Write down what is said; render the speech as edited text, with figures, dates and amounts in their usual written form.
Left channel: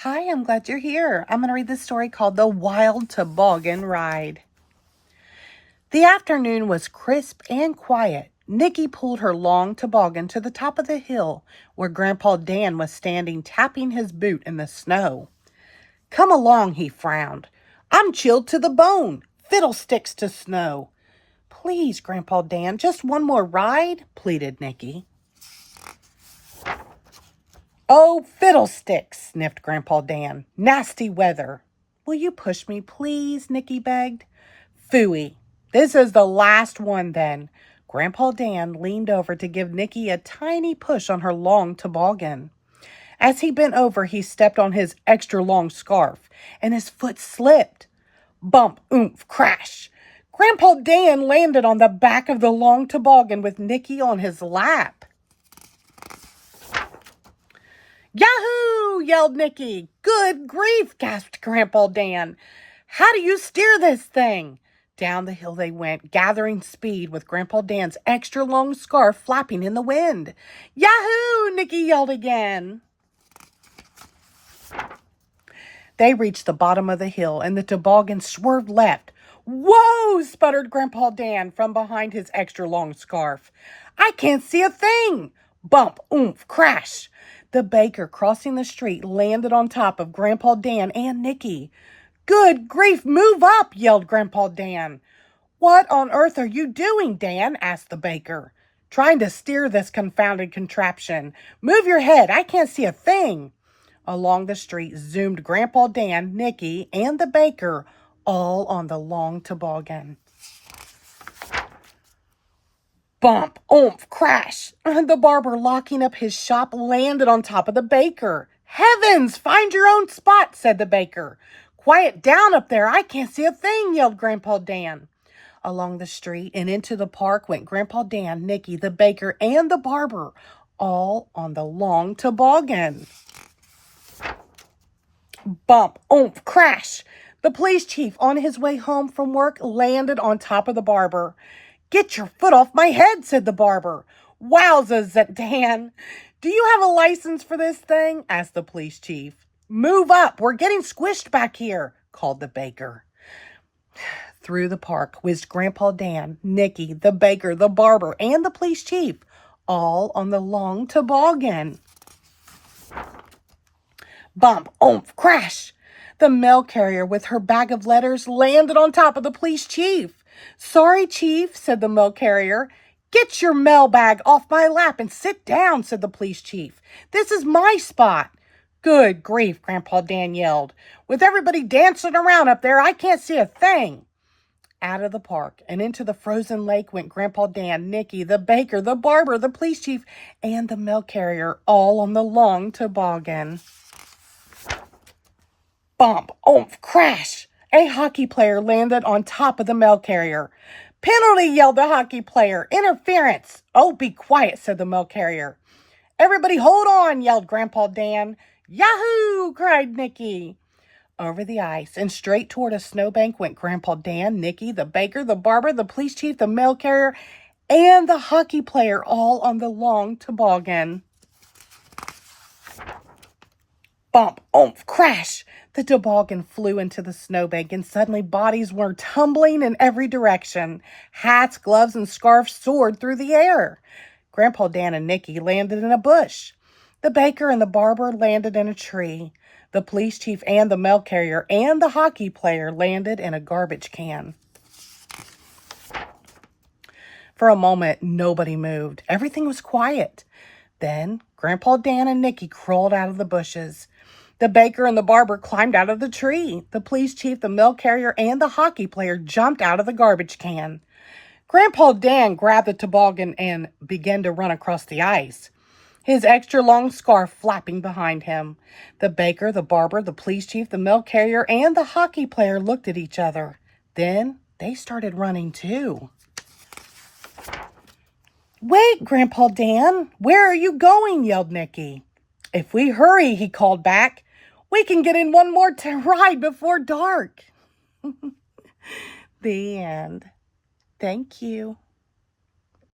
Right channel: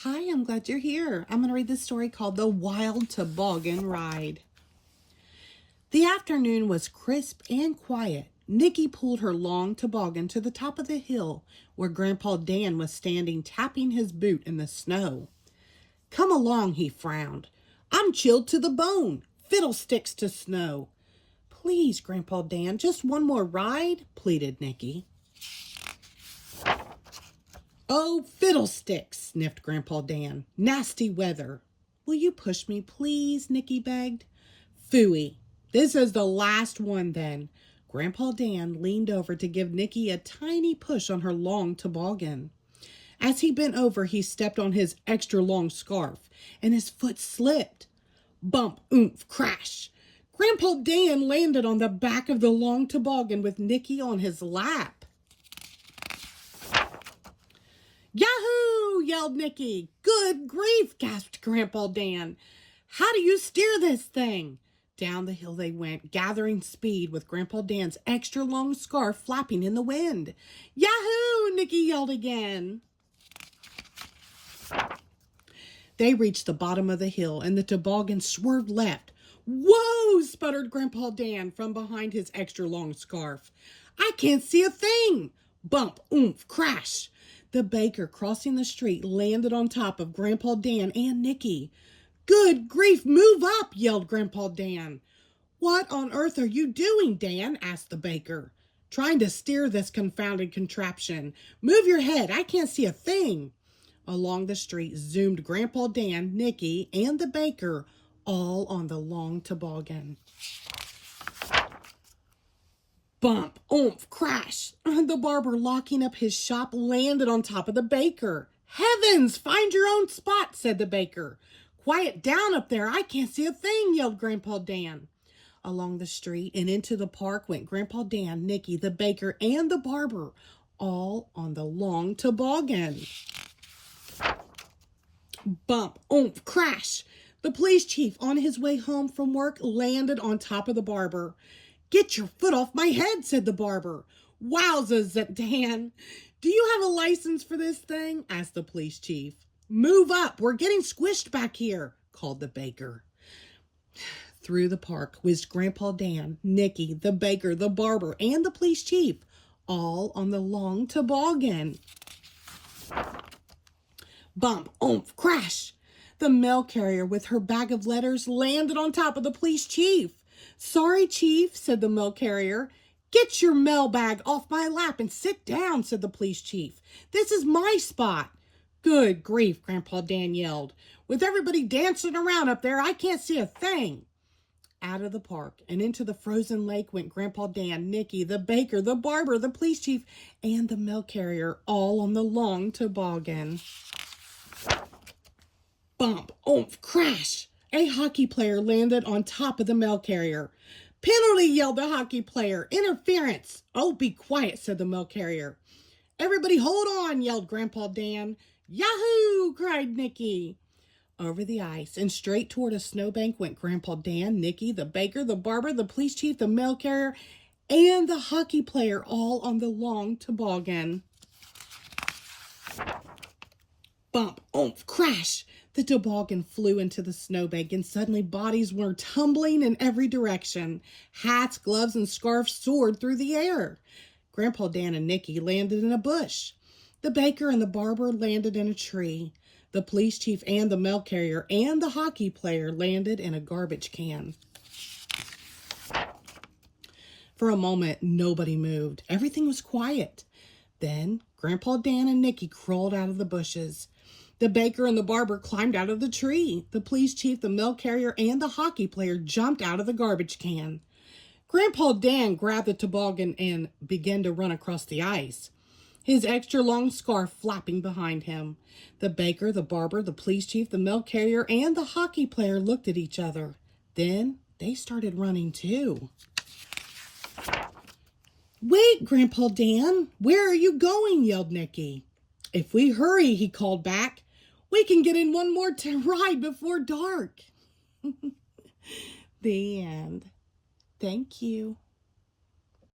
Hi, I'm glad you're here. I'm going to read this story called The Wild Toboggan Ride. The afternoon was crisp and quiet. Nikki pulled her long toboggan to the top of the hill where Grandpa Dan was standing tapping his boot in the snow. Come along, he frowned. I'm chilled to the bone. Fiddlesticks to snow. Please, Grandpa Dan, just one more ride, pleaded Nikki. Oh, fiddlesticks, sniffed Grandpa Dan. Nasty weather. Will you push me, please? Nikki begged. Phooey. This is the last one, then. Grandpa Dan leaned over to give Nikki a tiny push on her long toboggan. As he bent over, he stepped on his extra long scarf, and his foot slipped. Bump, oomph, crash. Grandpa Dan landed on the back of the long toboggan with Nikki on his lap. Yahoo! Yelled Nikki. Good grief, gasped Grandpa Dan. How do you steer this thing? Down the hill they went, gathering speed with Grandpa Dan's extra long scarf flapping in the wind. Yahoo! Nikki yelled again. They reached the bottom of the hill and the toboggan swerved left. Whoa! Sputtered Grandpa Dan from behind his extra long scarf. I can't see a thing. Bump, oomph, crash. The baker crossing the street landed on top of Grandpa Dan and Nikki. Good grief, move up, yelled Grandpa Dan. What on earth are you doing, Dan? Asked the baker. Trying to steer this confounded contraption. Move your head, I can't see a thing. Along the street zoomed Grandpa Dan, Nikki, and the baker, all on the long toboggan. Bump, oomph, crash. The barber, locking up his shop, landed on top of the baker. Heavens, find your own spot, said the baker. Quiet down up there, I can't see a thing, yelled Grandpa Dan. Along the street and into the park went Grandpa Dan, Nikki, the baker, and the barber, all on the long toboggan. Bump, oomph, crash. The police chief, on his way home from work, landed on top of the barber. Get your foot off my head, said the barber. Wowzers, Dan. Do you have a license for this thing? Asked the police chief. Move up, we're getting squished back here, called the baker. Through the park whizzed Grandpa Dan, Nikki, the baker, the barber, and the police chief, all on the long toboggan. Bump, oomph, crash. The mail carrier with her bag of letters landed on top of the police chief. Sorry, Chief, said the mail carrier. Get your mail bag off my lap and sit down, said the police chief. This is my spot. Good grief, Grandpa Dan yelled. With everybody dancing around up there, I can't see a thing. Out of the park and into the frozen lake went Grandpa Dan, Nikki, the baker, the barber, the police chief, and the mail carrier, all on the long toboggan. Bump, oomph, crash. A hockey player landed on top of the mail carrier. Penalty, yelled the hockey player. Interference. Oh, be quiet, said the mail carrier. Everybody hold on, yelled Grandpa Dan. Yahoo, cried Nikki. Over the ice and straight toward a snowbank went Grandpa Dan, Nikki, the baker, the barber, the police chief, the mail carrier, and the hockey player, all on the long toboggan. Bump, oomph, crash. The toboggan flew into the snowbank, and suddenly bodies were tumbling in every direction. Hats, gloves, and scarves soared through the air. Grandpa Dan and Nikki landed in a bush. The baker and the barber landed in a tree. The police chief and the mail carrier and the hockey player landed in a garbage can. For a moment, nobody moved. Everything was quiet. Then Grandpa Dan and Nikki crawled out of the bushes. The baker and the barber climbed out of the tree. The police chief, the mail carrier, and the hockey player jumped out of the garbage can. Grandpa Dan grabbed the toboggan and began to run across the ice, his extra long scarf flapping behind him. The baker, the barber, the police chief, the mail carrier, and the hockey player looked at each other. Then they started running too. Wait, Grandpa Dan, where are you going? Yelled Nikki. If we hurry, he called back, we can get in one more ride before dark. The end. Thank you.